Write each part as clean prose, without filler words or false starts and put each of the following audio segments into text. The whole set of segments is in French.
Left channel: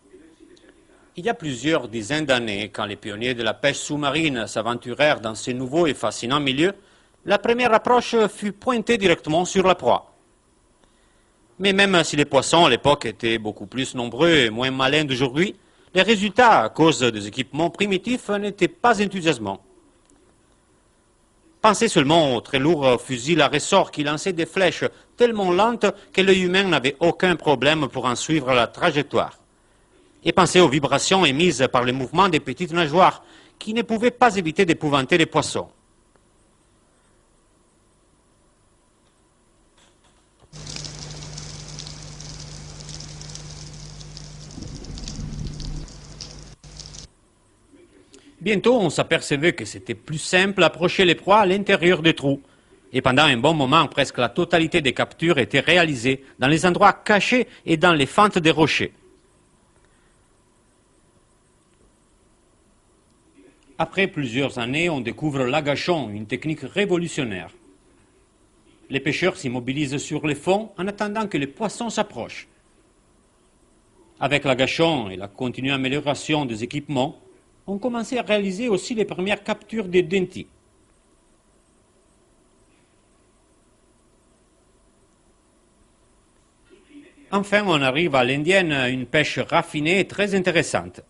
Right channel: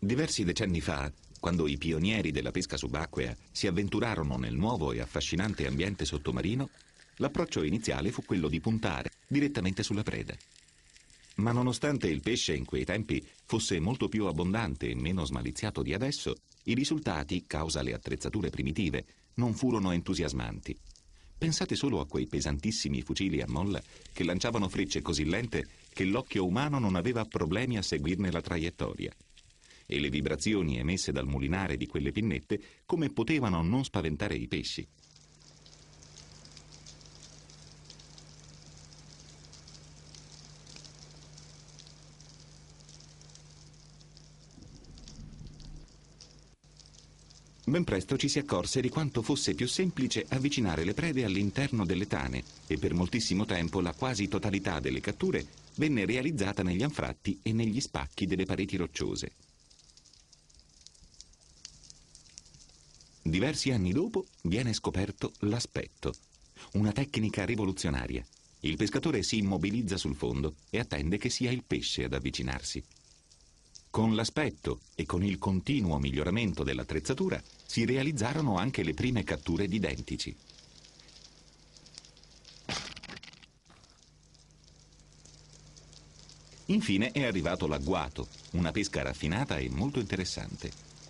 Il y a plusieurs dizaines d'années, quand les pionniers de la pêche sous-marine s'aventurèrent dans ces nouveaux et fascinants milieux, la première approche fut pointée directement sur la proie. Mais même si les poissons à l'époque étaient beaucoup plus nombreux et moins malins d'aujourd'hui, les résultats, à cause des équipements primitifs, n'étaient pas enthousiasmants. Pensez seulement aux très lourds fusils à ressort qui lançaient des flèches tellement lentes que l'œil humain n'avait aucun problème pour en suivre la trajectoire. Et pensez aux vibrations émises par le mouvement des petites nageoires qui ne pouvaient pas éviter d'épouvanter les poissons. Bientôt, on s'apercevait que c'était plus simple d'approcher les proies à l'intérieur des trous. Et pendant un bon moment, presque la totalité des captures était réalisée dans les endroits cachés et dans les fentes des rochers. Après plusieurs années, on découvre l'agachon, une technique révolutionnaire. Les pêcheurs s'immobilisent sur les fonds en attendant que les poissons s'approchent. Avec l'agachon et la continue amélioration des équipements, on commençait à réaliser aussi les premières captures des dentis. Enfin, on arrive à l'indienne, une pêche raffinée et très intéressante.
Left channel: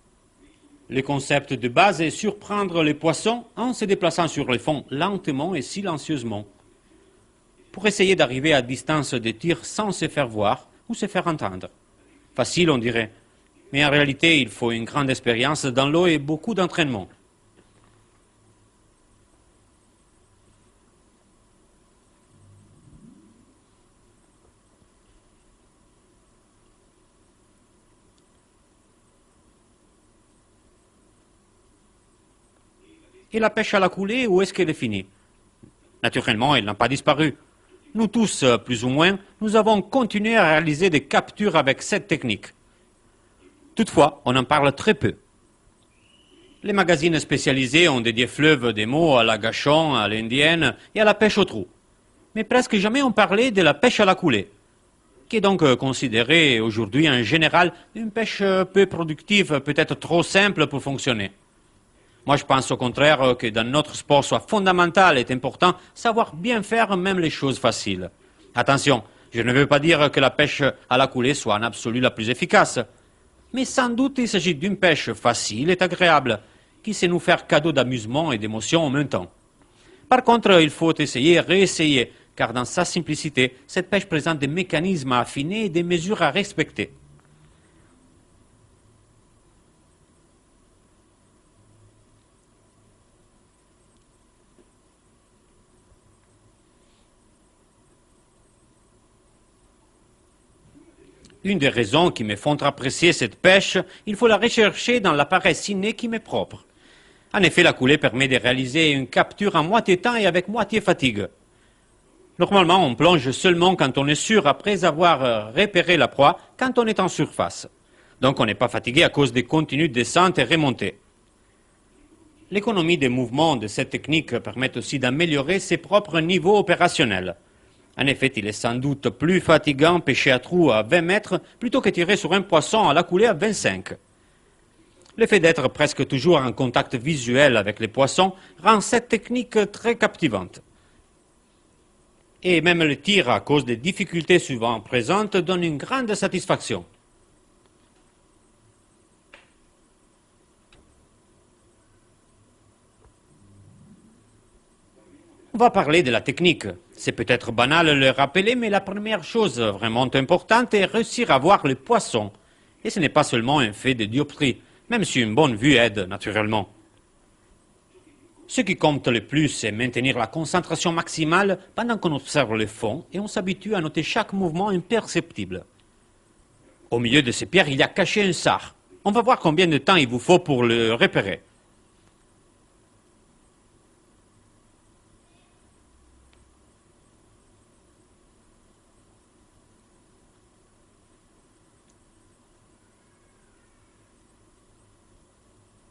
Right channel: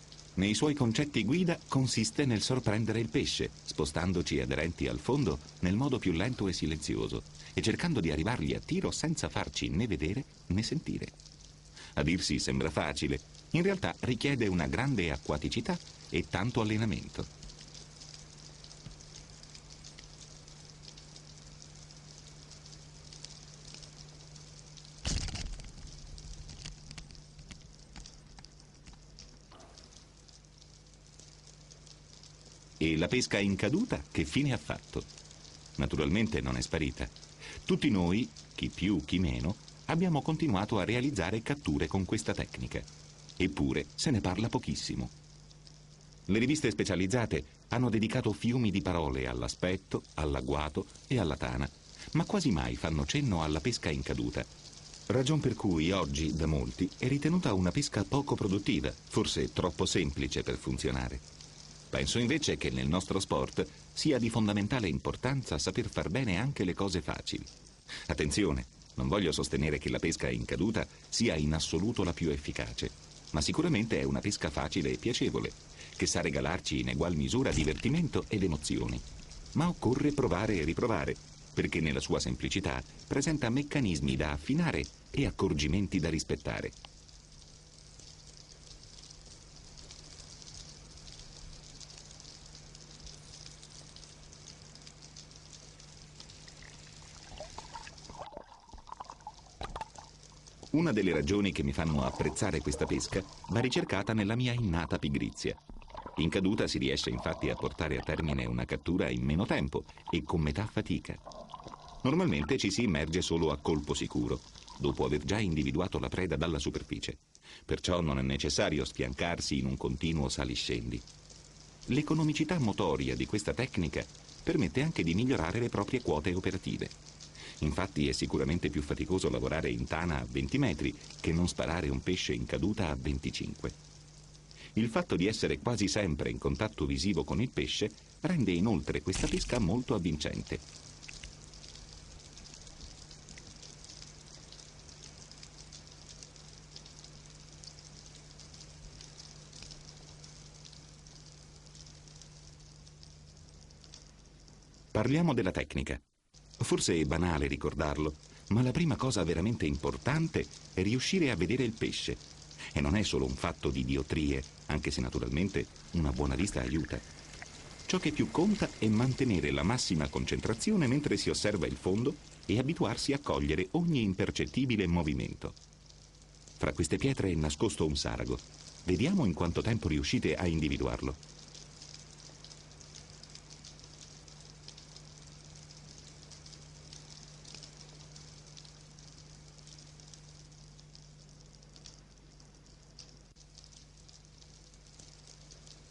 Le concept de base est surprendre les poissons en se déplaçant sur les fonds lentement et silencieusement, pour essayer d'arriver à distance de tir sans se faire voir ou se faire entendre. Facile, on dirait. Mais en réalité, il faut une grande expérience dans l'eau et beaucoup d'entraînement. Et la pêche à la coulée, où est-ce qu'elle est finie? Naturellement, elle n'a pas disparu. Nous tous, plus ou moins, nous avons continué à réaliser des captures avec cette technique. Toutefois, on en parle très peu. Les magazines spécialisés ont dédié fleuve des mots à l'agachon, à l'indienne et à la pêche au trou. Mais presque jamais on parlait de la pêche à la coulée, qui est donc considérée aujourd'hui en général une pêche peu productive, peut-être trop simple pour fonctionner. Moi, je pense au contraire que dans notre sport soit fondamental et important savoir bien faire même les choses faciles. Attention, je ne veux pas dire que la pêche à la coulée soit en absolu la plus efficace. Mais sans doute, il s'agit d'une pêche facile et agréable, qui sait nous faire cadeau d'amusement et d'émotion en même temps. Par contre, il faut essayer et réessayer, car dans sa simplicité, cette pêche présente des mécanismes à affiner et des mesures à respecter. Une des raisons qui me font apprécier cette pêche, il faut la rechercher dans la paresse innée qui m'est propre. En effet, la coulée permet de réaliser une capture en moitié temps et avec moitié fatigue. Normalement, on plonge seulement quand on est sûr, après avoir repéré la proie, quand on est en surface. Donc on n'est pas fatigué à cause des continues descentes et remontées. L'économie des mouvements de cette technique permet aussi d'améliorer ses propres niveaux opérationnels. En effet, il est sans doute plus fatigant pêcher à trou à 20 mètres plutôt que tirer sur un poisson à la coulée à 25. Le fait d'être presque toujours en contact visuel avec les poissons rend cette technique très captivante. Et même le tir, à cause des difficultés souvent présentes, donne une grande satisfaction. On va parler de la technique. C'est peut-être banal de le rappeler, mais la première chose vraiment importante est réussir à voir le poisson. Et ce n'est pas seulement un fait de dioptrie, même si une bonne vue aide naturellement. Ce qui compte le plus, c'est maintenir la concentration maximale pendant qu'on observe le fond et on s'habitue à noter chaque mouvement imperceptible. Au milieu de ces pierres, il y a caché un sar. On va voir combien de temps il vous faut pour le repérer.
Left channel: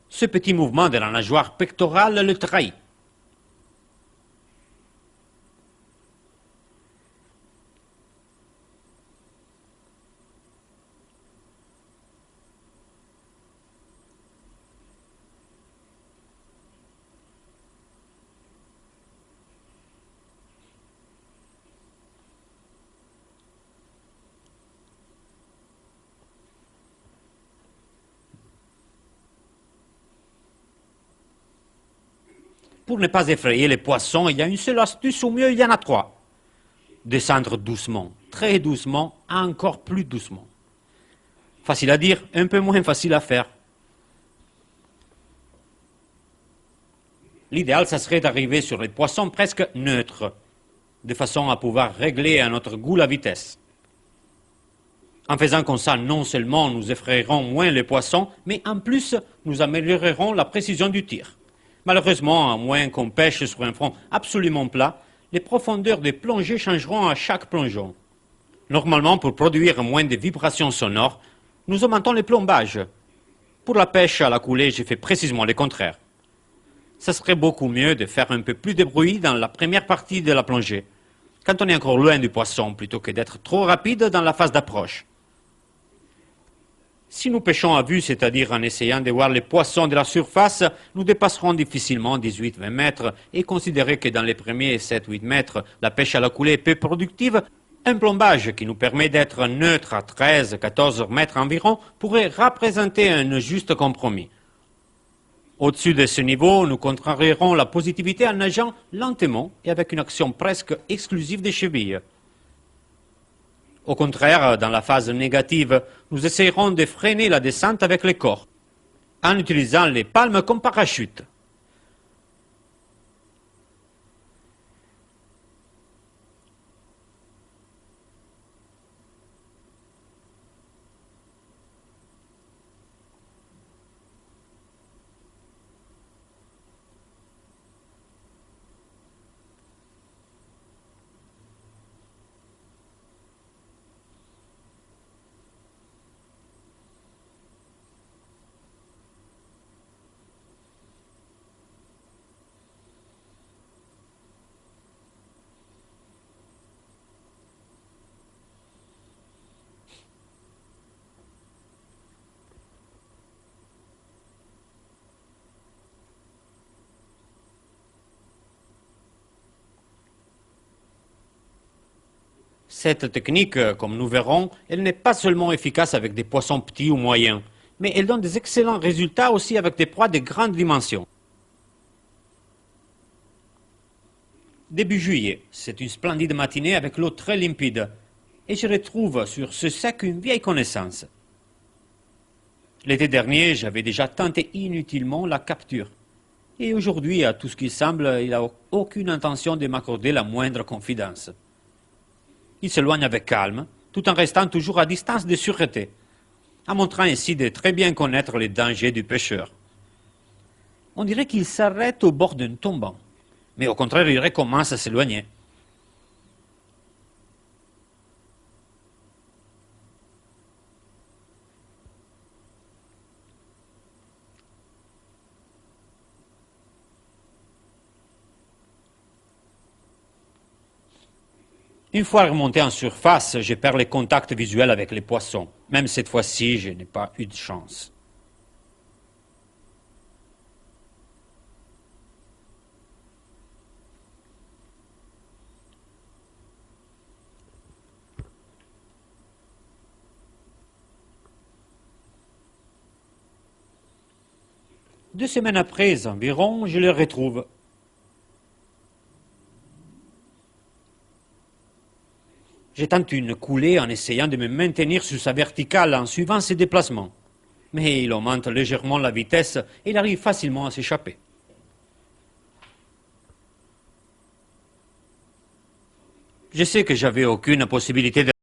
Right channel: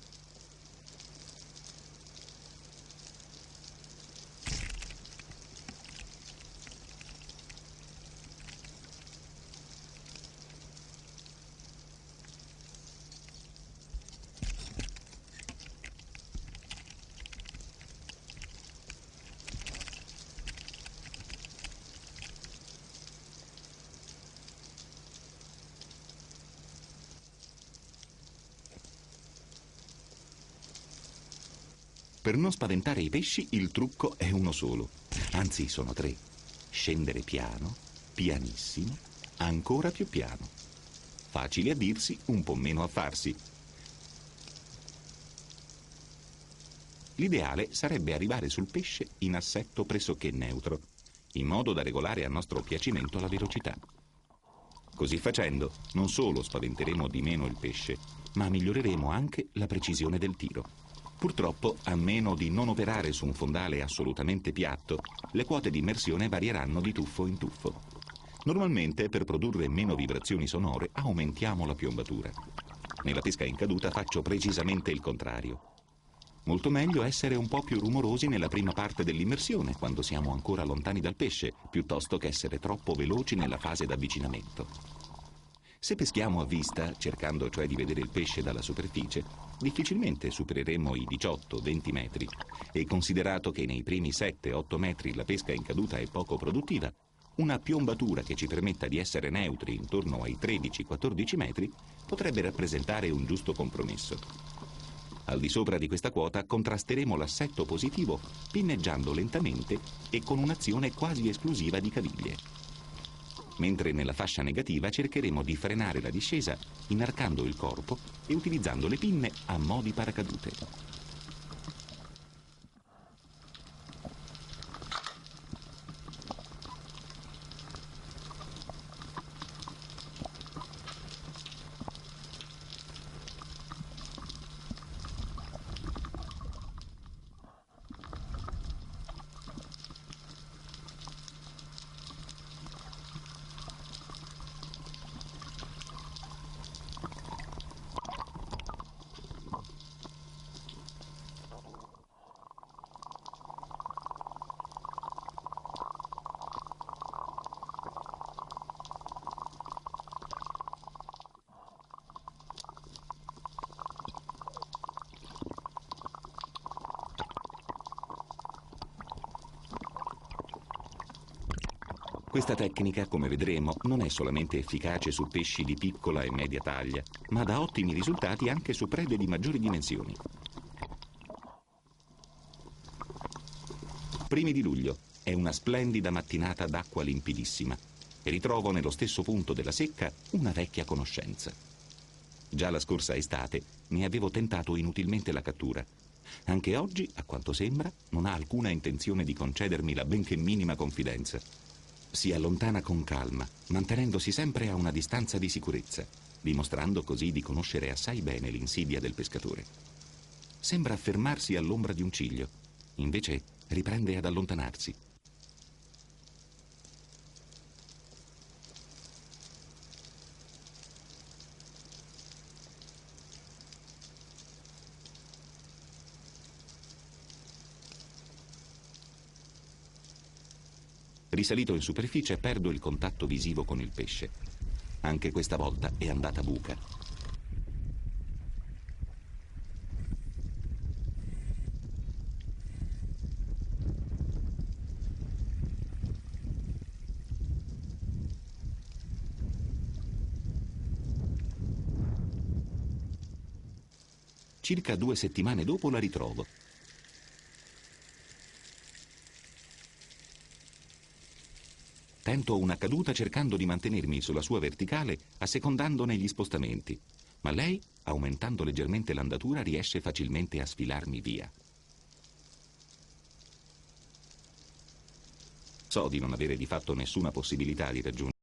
Ce petit mouvement de la nageoire pectorale le trahit. Pour ne pas effrayer les poissons, il y a une seule astuce, au mieux il y en a trois. Descendre doucement, très doucement, encore plus doucement. Facile à dire, un peu moins facile à faire. L'idéal, ça serait d'arriver sur les poissons presque neutres, de façon à pouvoir régler à notre goût la vitesse. En faisant comme ça, non seulement nous effrayerons moins les poissons, mais en plus, nous améliorerons la précision du tir. Malheureusement, à moins qu'on pêche sur un fond absolument plat, les profondeurs des plongées changeront à chaque plongeon. Normalement, pour produire moins de vibrations sonores, nous augmentons les plombages. Pour la pêche à la coulée, j'ai fait précisément le contraire. Ce serait beaucoup mieux de faire un peu plus de bruit dans la première partie de la plongée, quand on est encore loin du poisson, plutôt que d'être trop rapide dans la phase d'approche. Si nous pêchons à vue, c'est-à-dire en essayant de voir les poissons de la surface, nous dépasserons difficilement 18-20 mètres et considérer que dans les premiers 7-8 mètres, la pêche à la coulée est peu productive, un plombage qui nous permet d'être neutre à 13-14 mètres environ pourrait représenter un juste compromis. Au-dessus de ce niveau, nous contrarierons la positivité en nageant lentement et avec une action presque exclusive des chevilles. Au contraire, dans la phase négative, nous essayerons de freiner la descente avec les corps, en utilisant les palmes comme parachute. Cette technique, comme nous verrons, elle n'est pas seulement efficace avec des poissons petits ou moyens, mais elle donne des excellents résultats aussi avec des proies de grandes dimensions. Début juillet, c'est une splendide matinée avec l'eau très limpide, et je retrouve sur ce sec une vieille connaissance. L'été dernier, j'avais déjà tenté inutilement la capture. Et aujourd'hui, à tout ce qui semble, il n'a aucune intention de m'accorder la moindre confidence. Il s'éloigne avec calme, tout en restant toujours à distance de sûreté, en montrant ainsi de très bien connaître les dangers du pêcheur. On dirait qu'il s'arrête au bord d'un tombant, mais au contraire, il recommence à s'éloigner. Une fois remonté en surface, je perds les contacts visuels avec les poissons. Même cette fois-ci, je n'ai pas eu de chance. Deux semaines après, environ, je les retrouve. Je tente une coulée en essayant de me maintenir sur sa verticale en suivant ses déplacements. Mais il augmente légèrement la vitesse et il arrive facilement à s'échapper. Je sais que j'avais aucune possibilité de